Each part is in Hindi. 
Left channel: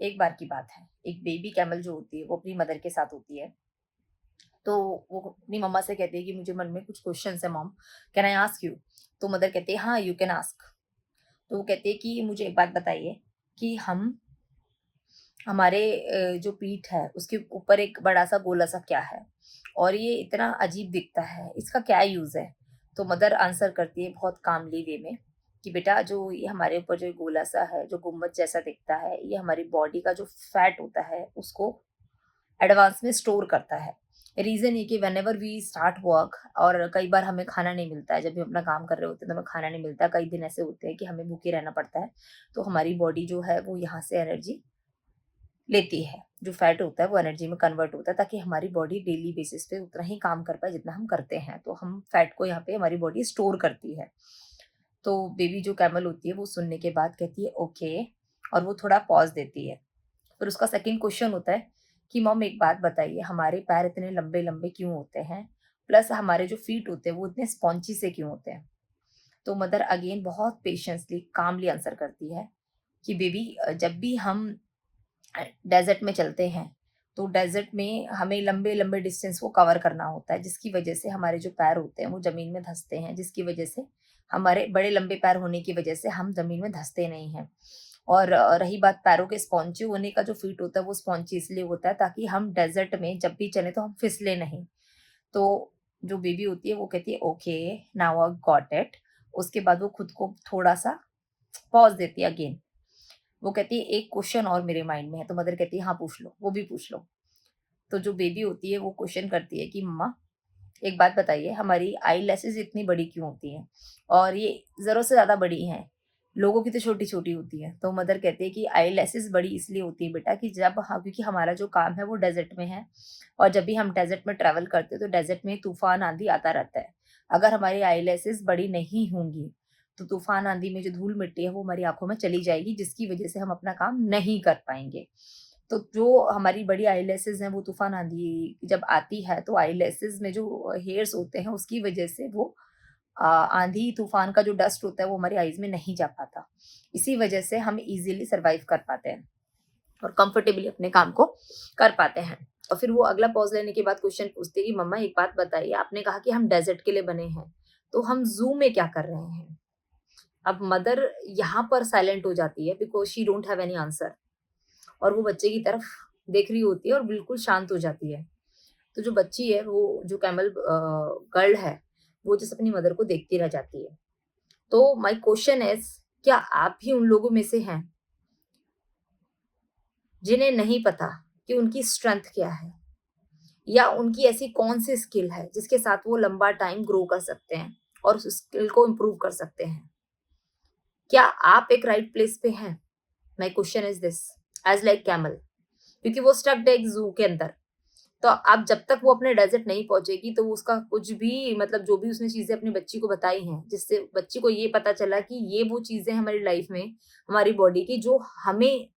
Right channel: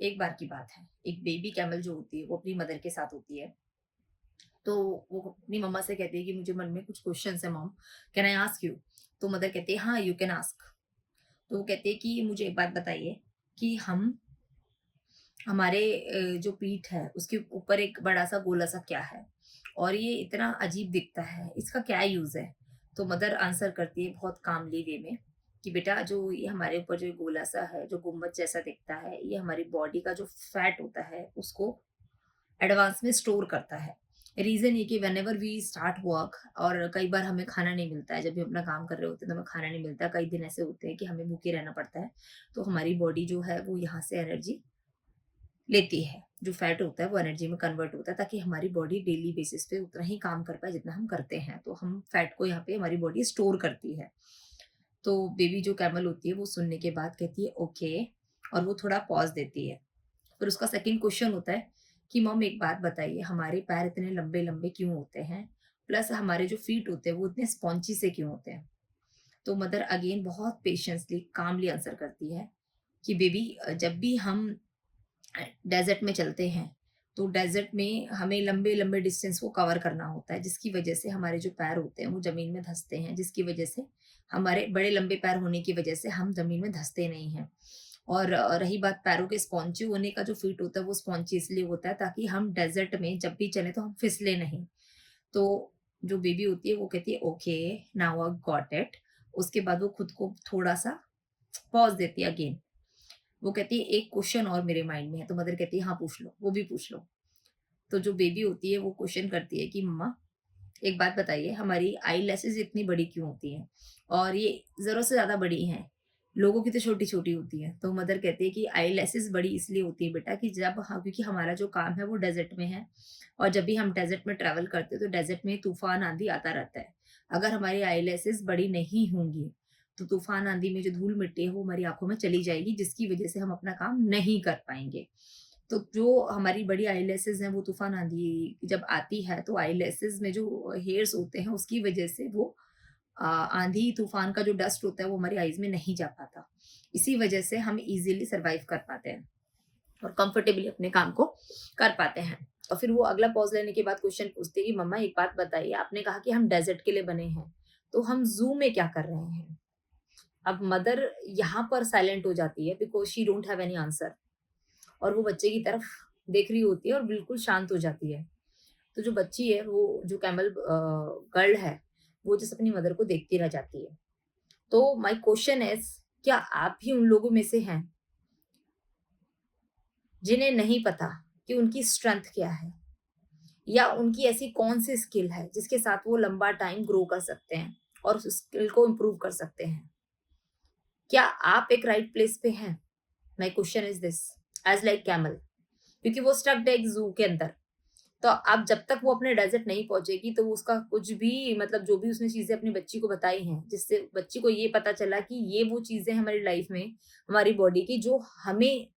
एक बार की बात है, एक बेबी कैमल जो होती है वो अपनी मदर के साथ होती है। तो वो अपनी मम्मा से कहती है कि मुझे मन में कुछ क्वेश्चंस है mom, can I ask you? तो मदर कहती है हाँ, यू कैन आस्क। तो वो कहती है कि मुझे एक बात बताइए कि हम हमारे जो पीठ है उसके ऊपर एक बड़ा-सा गोला-सा क्या है? और ये इतना अजीब दिखता है, इसका क्या यूज़ है? तो मदर आंसर करती है बहुत कामली वे में कि बेटा जो ये हमारे ऊपर जो गोला-सा है, जो गुम्बद जैसा दिखता है, ये हमारी बॉडी का जो फैट होता है उसको एडवांस में स्टोर करता है। रीज़न ये कि व्हेनेवर वी स्टार्ट वर्क और कई बार हमें खाना नहीं मिलता है, जब भी अपना काम कर रहे होते हैं तो हमें खाना नहीं मिलता, कई दिन ऐसे होते हैं कि हमें भूखे रहना पड़ता है, तो हमारी बॉडी जो है वो यहाँ से एनर्जी लेती है। जो फैट होता है वो एनर्जी में कन्वर्ट होता है ताकि हमारी बॉडी डेली बेसिस पे उतना ही काम कर पाए जितना हम करते हैं। तो हम फैट को यहाँ पे हमारी बॉडी स्टोर करती है। तो बेबी जो कैमल होती है वो सुनने के बाद कहती है ओके, और वो थोड़ा पॉज़ देती है। फिर उसका सेकंड क्वेश्चन होता है कि मॉम एक बात बताइए, हमारे पैर इतने लंबे-लंबे क्यों होते हैं? प्लस हमारे जो फीट होते हैं वो इतने स्पॉन्जी से क्यों होते हैं? तो मदर अगेन बहुत पेशेंसली, कामली आंसर करती है कि बेबी जब भी हम डेज़र्ट में चलते हैं, तो डेज़र्ट में हमें लंबे-लंबे डिस्टेंस को कवर करना होता है, जिसकी वजह से हमारे जो पैर होते हैं, वो ज़मीन में धँसते हैं, जिसकी वजह से हमारे बड़े लंबे पैर होने की वजह से हम ज़मीन में धँसते नहीं हैं। और रही बात पैरों के स्पॉन्जी होने का, जो फीट होता है, वो स्पॉन्जी इसलिए होता है ताकि हम डेज़र्ट में जब भी चलें तो हम फिसलें नहीं। तो जो बेबी होती है, वो कहती है, "okay, now I got it." उसके बाद वो खुद को थोड़ा-सा पॉज़ देती है अगेन। वो कहती है एक क्वेश्चन और मेरे माइंड में है, तो मदर कहती है हाँ पूछ लो, वो भी पूछ लो। तो जो बेबी होती है वो क्वेश्चन करती है कि मम्मा एक बात बताइए, हमारी आई लैशेज़ इतनी बड़ी क्यों होती हैं? और ये ज़रूरत से ज़्यादा बड़ी हैं, लोगों की तो छोटी-छोटी होती है। तो मदर कहती है कि आई लैशेज़ बड़ी इसलिए होती है बेटा कि जब हाँ, क्योंकि हमारा जो काम है वो डेज़र्ट में है, और जब भी हम डेज़र्ट में ट्रैवल करते हैं तो डेज़र्ट में तूफ़ान, आँधी आता रहता है। अगर हमारी आई लैशेज़ बड़ी नहीं होंगी, तो तूफ़ान, आँधी में जो धूल-मिट्टी है वो हमारी आँखों में चली जाएगी, जिसकी वज़ह से हम अपना काम नहीं कर पाएँगे। तो जो हमारी बड़ी आईलैशेज़ हैं वो तूफ़ान आँधी जब आती है तो आईलैशेज़ में जो हेयर्स होते हैं उसकी वज़ह से वो आँधी तूफ़ान का जो डस्ट होता है वो हमारी आईज़ में नहीं जा पाता। इसी वज़ह से हम ईज़िली सर्वाइव कर पाते हैं और कंफर्टेबली अपने काम को कर पाते हैं। और फिर वो अगला पॉज़ लेने के बाद क्वेश्चन पूछती है कि मम्मा एक बात बताइए, आपने कहा कि हम डेज़र्ट के लिए बने हैं, तो हम ज़ू में क्या कर रहे हैं? अब मदर यहाँ पर साइलेंट हो जाती है because she don't have any answer, और वो बच्चे की तरफ देख रही होती है और बिल्कुल शांत हो जाती है। तो जो बच्ची है, वो जो कैमल गर्ल है, वो जस्ट अपनी मदर को देखती रह जाती है। तो माय क्वेश्चन इज़, क्या आप भी उन लोगों में से हैं, जिन्हें नहीं पता कि उनकी स्ट्रेंथ क्या है? या उनकी ऐसी कौन-सी स्किल है, जिसके साथ वो लंबा टाइम ग्रो कर सकते हैं और उस स्किल को इम्प्रूव कर सकते हैं? क्या आप एक राइट प्लेस पे हैं? My question is this, as like camel, क्योंकि वो स्टक्ड है एक ज़ू के अंदर। तो अब जब तक वो अपने डेज़र्ट नहीं पहुँचेगी तो वो उसका कुछ भी, मतलब जो भी उसने चीज़ें अपनी बच्ची को बताई हैं, जिससे बच्ची को ये पता चला कि ये वो चीज़ें हैं हमारी लाइफ़ में, हमारी बॉडी की, जो हमें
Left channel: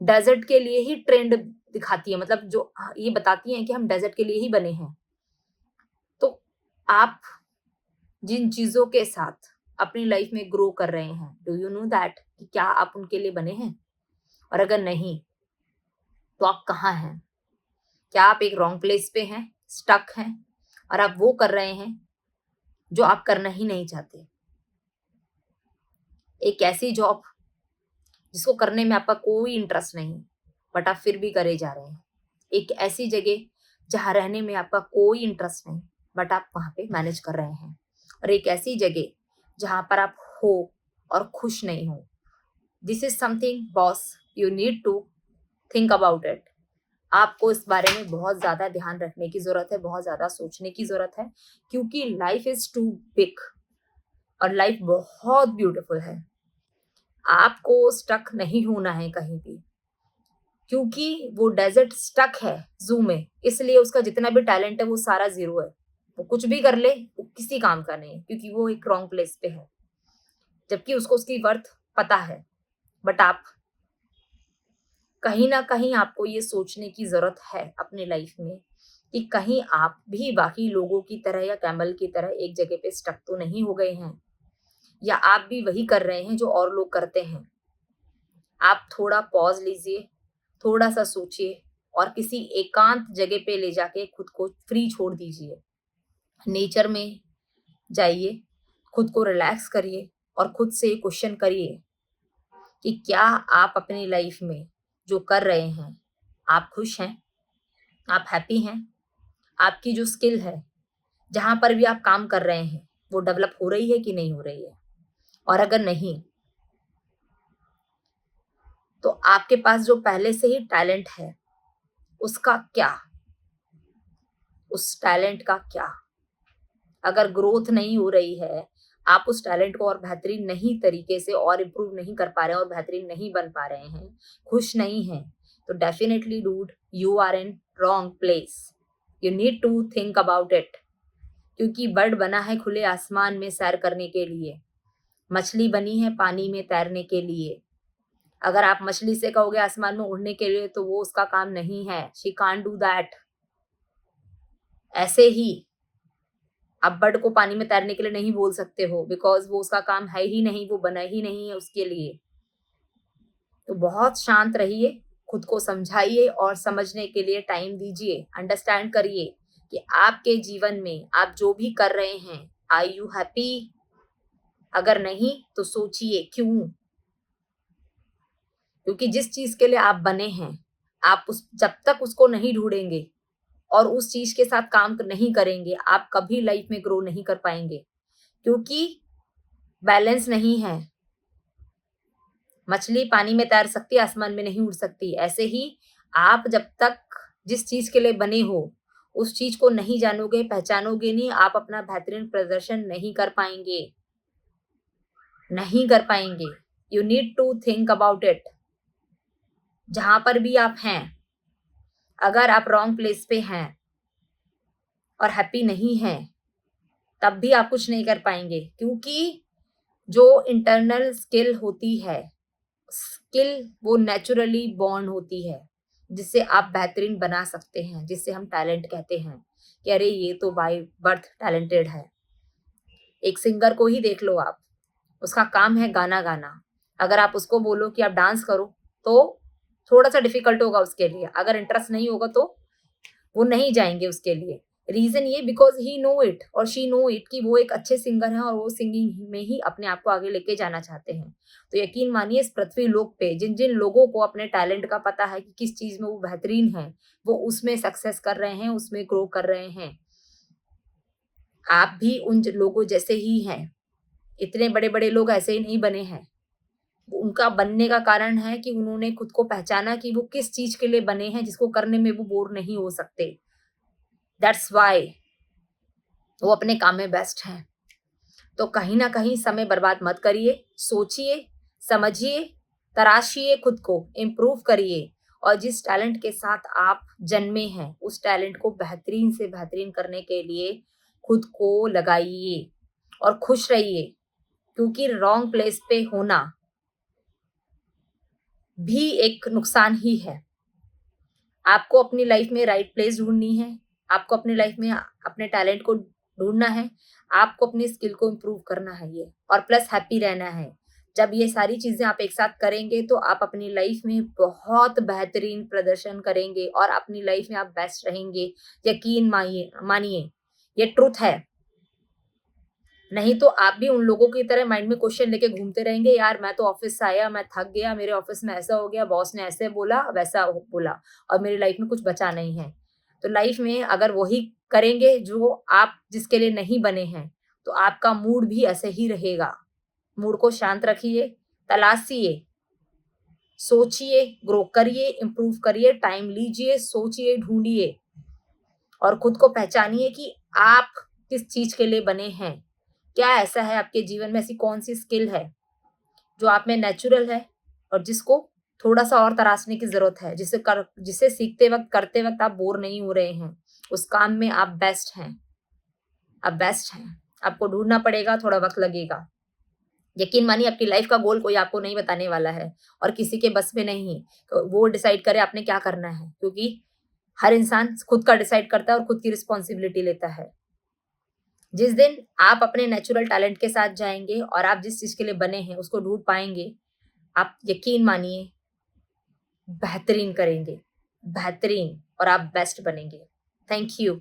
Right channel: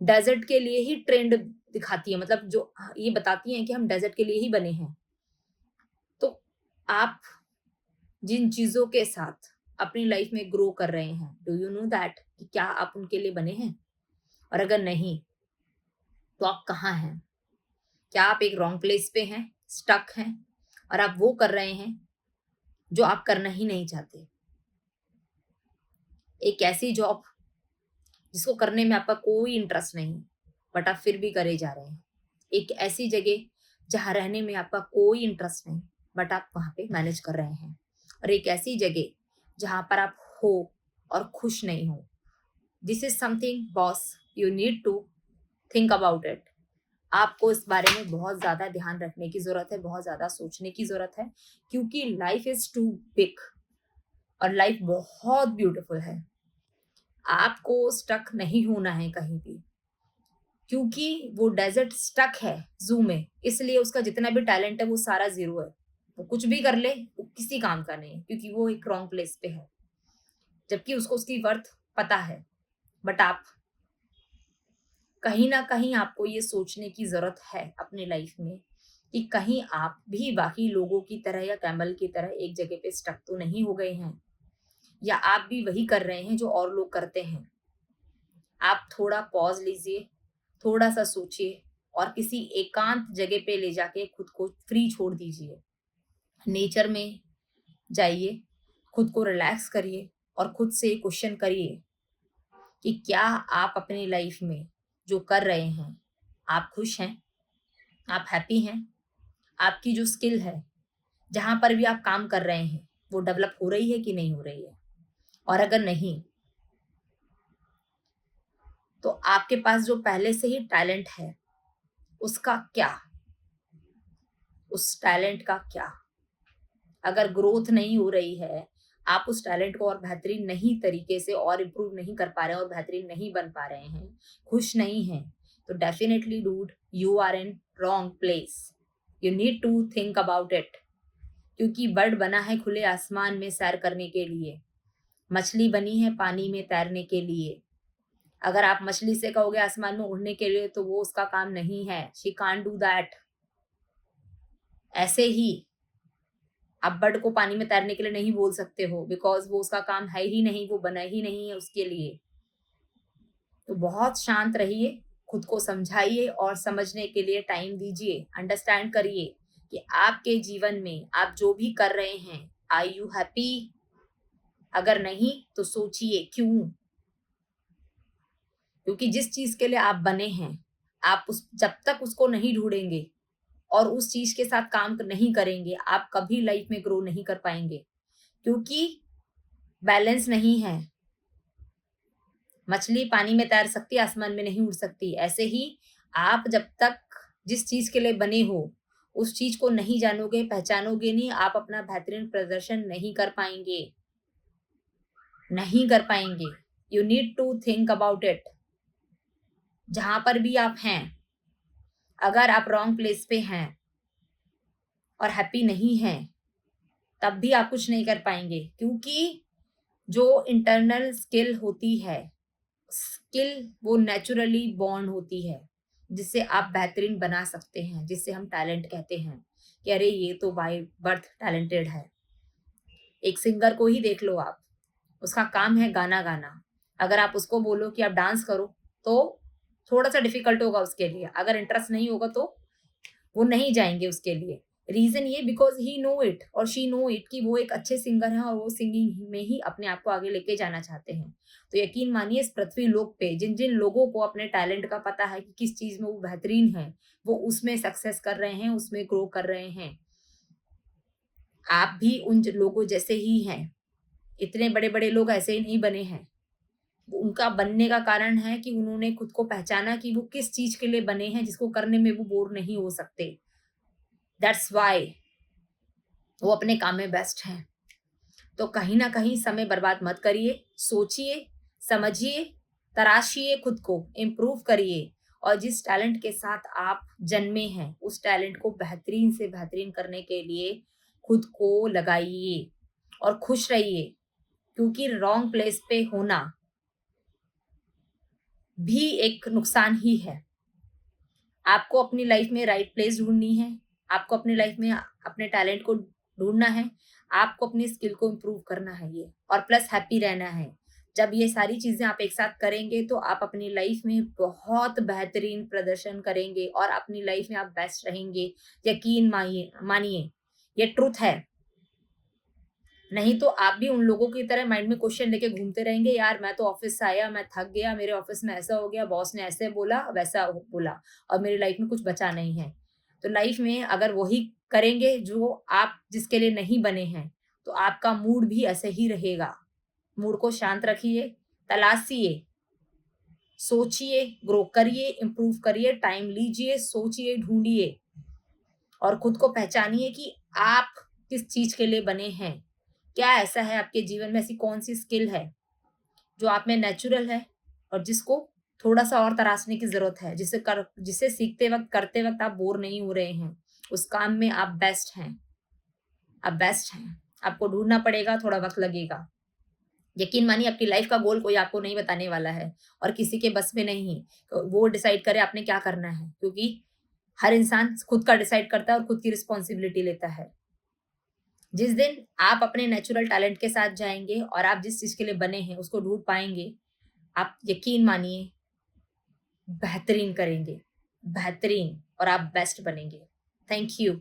डेज़र्ट के लिए ही ट्रेंड दिखाती है, मतलब जो ये बताती हैं कि हम डेज़र्ट के लिए ही बने हैं। तो आप जिन चीज़ों के साथ अपनी लाइफ़ में ग्रो कर रहे हैं, डू यू नो दैट कि क्या आप उनके लिए बने हैं? और अगर नहीं, तो आप कहाँ हैं? क्या आप एक रॉन्ग प्लेस पे हैं, स्टक हैं, और आप वो कर रहे हैं जो आप करना ही नहीं चाहते? एक ऐसी जॉब जिसको करने में आपका कोई इंटरेस्ट नहीं, बट आप फिर भी करे जा रहे हैं। एक ऐसी जगह जहाँ रहने में आपका कोई इंटरेस्ट नहीं, बट आप वहाँ पे मैनेज कर रहे हैं। और एक ऐसी जगह जहाँ पर आप हो और खुश नहीं हो। This is something boss, you need to think about it. आपको इस बारे में बहुत ज़्यादा ध्यान रखने की ज़रूरत है, बहुत ज़्यादा सोचने की ज़रूरत है, क्योंकि लाइफ़ इज़ टू बिग और लाइफ़ बहुत ब्यूटीफुल है। आपको स्टक नहीं होना है कहीं भी, क्योंकि वो डेज़र्ट स्टक है ज़ू में, इसलिए उसका जितना भी टैलेंट है वो सारा ज़ीरो है। वो कुछ भी कर ले, वो किसी काम का नहीं है, क्योंकि वो एक रॉन्ग प्लेस पे है, जबकि उसको उसकी वर्थ पता है। बट आप कहीं न कहीं, आपको ये सोचने की ज़रूरत है अपनी लाइफ़ में कि कहीं आप भी बाकी लोगों की तरह या कैमल की तरह एक जगह पे स्टक तो नहीं हो गए हैं, या आप भी वही कर रहे हैं जो और लोग करते हैं। आप थोड़ा पॉज़ लीजिए, थोड़ा सा सोचिए और किसी एकांत जगह पे ले जाके खुद को फ्री छोड़ दीजिए। नेचर में जाइए, खुद को रिलैक्स करिए और खुद से क्वेश्चन करिए कि क्या आप अपनी लाइफ में जो कर रहे हैं, आप खुश हैं? आप हैप्पी हैं? आपकी जो स्किल है, जहाँ पर भी आप काम कर रहे हैं, वो डेवलप हो रही है कि नहीं हो रही है? और अगर नहीं, तो आपके पास जो पहले से ही टैलेंट है, उसका क्या? उस टैलेंट का क्या? अगर ग्रोथ नहीं हो रही है, आप उस टैलेंट को और बेहतरीन नहीं तरीके से और इम्प्रूव नहीं कर पा रहे हैं और बेहतरीन नहीं बन पा रहे हैं, खुश नहीं हैं, तो definitely dude, you are in wrong place. You need to think about it. क्योंकि बर्ड बना है खुले आसमान में सैर करने के लिए, मछली बनी है पानी में तैरने के लिए। अगर आप मछली से कहोगे आसमान में उड़ने के लिए, तो वो उसका काम नहीं है। She can't do that. ऐसे ही आप बर्ड को पानी में तैरने के लिए नहीं बोल सकते हो, बिकॉज वो उसका काम है ही नहीं, वो बना ही नहीं है उसके लिए। तो बहुत शांत रहिए, खुद को समझाइए और समझने के लिए टाइम दीजिए। अंडरस्टैंड करिए कि आपके जीवन में आप जो भी कर रहे हैं, आर यू हैप्पी? अगर नहीं तो सोचिए क्यों। क्योंकि जिस चीज के लिए आप बने हैं, आप उस जब तक उसको नहीं ढूंढेंगे और उस चीज के साथ काम नहीं करेंगे, आप कभी लाइफ में ग्रो नहीं कर पाएंगे। क्योंकि बैलेंस नहीं है। मछली पानी में तैर सकती है, आसमान में नहीं उड़ सकती। ऐसे ही आप जब तक जिस चीज के लिए बने हो, उस चीज को नहीं जानोगे, पहचानोगे नहीं, आप अपना बेहतरीन प्रदर्शन नहीं कर पाएंगे। नहीं कर पाएंगे। You need to think about it. जहां पर भी आप हैं, अगर आप रॉन्ग प्लेस पे हैं और हैप्पी नहीं हैं, तब भी आप कुछ नहीं कर पाएंगे। क्योंकि जो इंटरनल स्किल होती है, स्किल वो नेचुरली बॉर्न होती है, जिससे आप बेहतरीन बना सकते हैं, जिससे हम टैलेंट कहते हैं कि अरे ये तो बाय बर्थ टैलेंटेड है। एक सिंगर को ही देख लो आप, उसका काम है गाना गाना। अगर आप उसको बोलो कि आप डांस करो, तो थोड़ा सा डिफिकल्ट होगा उसके लिए। अगर इंटरेस्ट नहीं होगा तो वो नहीं जाएंगे उसके लिए। रीजन ये, बिकॉज ही नो इट और शी नो इट कि वो एक अच्छे सिंगर हैं और वो सिंगिंग में ही अपने आप को आगे लेके जाना चाहते हैं। तो यकीन मानिए, इस पृथ्वी लोक पे जिन जिन लोगों को अपने टैलेंट का पता है कि किस चीज में वो बेहतरीन है, वो उसमें सक्सेस कर रहे हैं, उसमें ग्रो कर रहे हैं। आप भी उन लोगों जैसे ही हैं। इतने बड़े बड़े लोग ऐसे ही नहीं बने हैं। उनका बनने का कारण है कि उन्होंने खुद को पहचाना कि वो किस चीज के लिए बने हैं, जिसको करने में वो बोर नहीं हो सकते। दैट्स वाई वो अपने काम में बेस्ट हैं। तो कहीं ना कहीं समय बर्बाद मत करिए। सोचिए, समझिए, तराशिए, खुद को इम्प्रूव करिए और जिस टैलेंट के साथ आप जन्मे हैं, उस टैलेंट को बेहतरीन से बेहतरीन करने के लिए खुद को लगाइए और खुश रहिए। क्योंकि रॉन्ग प्लेस पे होना भी एक नुकसान ही है। आपको अपनी लाइफ में राइट प्लेस ढूंढनी है। आपको अपनी लाइफ में अपने टैलेंट को ढूंढना है। आपको अपनी स्किल को इम्प्रूव करना है ये, और प्लस हैप्पी रहना है। जब ये सारी चीजें आप एक साथ करेंगे, तो आप अपनी लाइफ में बहुत बेहतरीन प्रदर्शन करेंगे और अपनी लाइफ में आप बेस्ट रहेंगे। यकीन मानिए, ये ट्रुथ है। नहीं तो आप भी उन लोगों की तरह माइंड में क्वेश्चन लेके घूमते रहेंगे, यार मैं तो ऑफिस से आया, मैं थक गया, मेरे ऑफिस में ऐसा हो गया, बॉस ने ऐसे बोला, वैसा बोला, और मेरी लाइफ में कुछ बचा नहीं है। तो लाइफ में अगर वही करेंगे जो आप जिसके लिए नहीं बने हैं, तो आपका मूड भी ऐसे ही रहेगा। मूड को शांत रखिए, तलाशिए, सोचिए, ग्रो करिए, इम्प्रूव करिए, टाइम लीजिए, सोचिए, ढूंढिए और खुद को पहचानिए कि आप किस चीज के लिए बने हैं। क्या ऐसा है आपके जीवन में, ऐसी कौन सी स्किल है जो आप में नेचुरल है और जिसको थोड़ा सा और तराशने की जरूरत है, जिसे सीखते वक्त, करते वक्त आप बोर नहीं हो रहे हैं, उस काम में आप बेस्ट हैं। आप बेस्ट हैं। आपको ढूंढना पड़ेगा, थोड़ा वक्त लगेगा। यकीन मानिए, आपकी लाइफ का गोल कोई आपको नहीं बताने वाला है और किसी के बस में नहीं। तो वो डिसाइड करे आपने क्या करना है, क्योंकि हर इंसान खुद का डिसाइड करता है और खुद की रिस्पॉन्सिबिलिटी लेता है। जिस दिन आप अपने नेचुरल टैलेंट के साथ जाएंगे और आप जिस चीज के लिए बने हैं उसको ढूंढ पाएंगे, आप यकीन मानिए बेहतरीन करेंगे, बेहतरीन और आप बेस्ट बनेंगे। Thank you.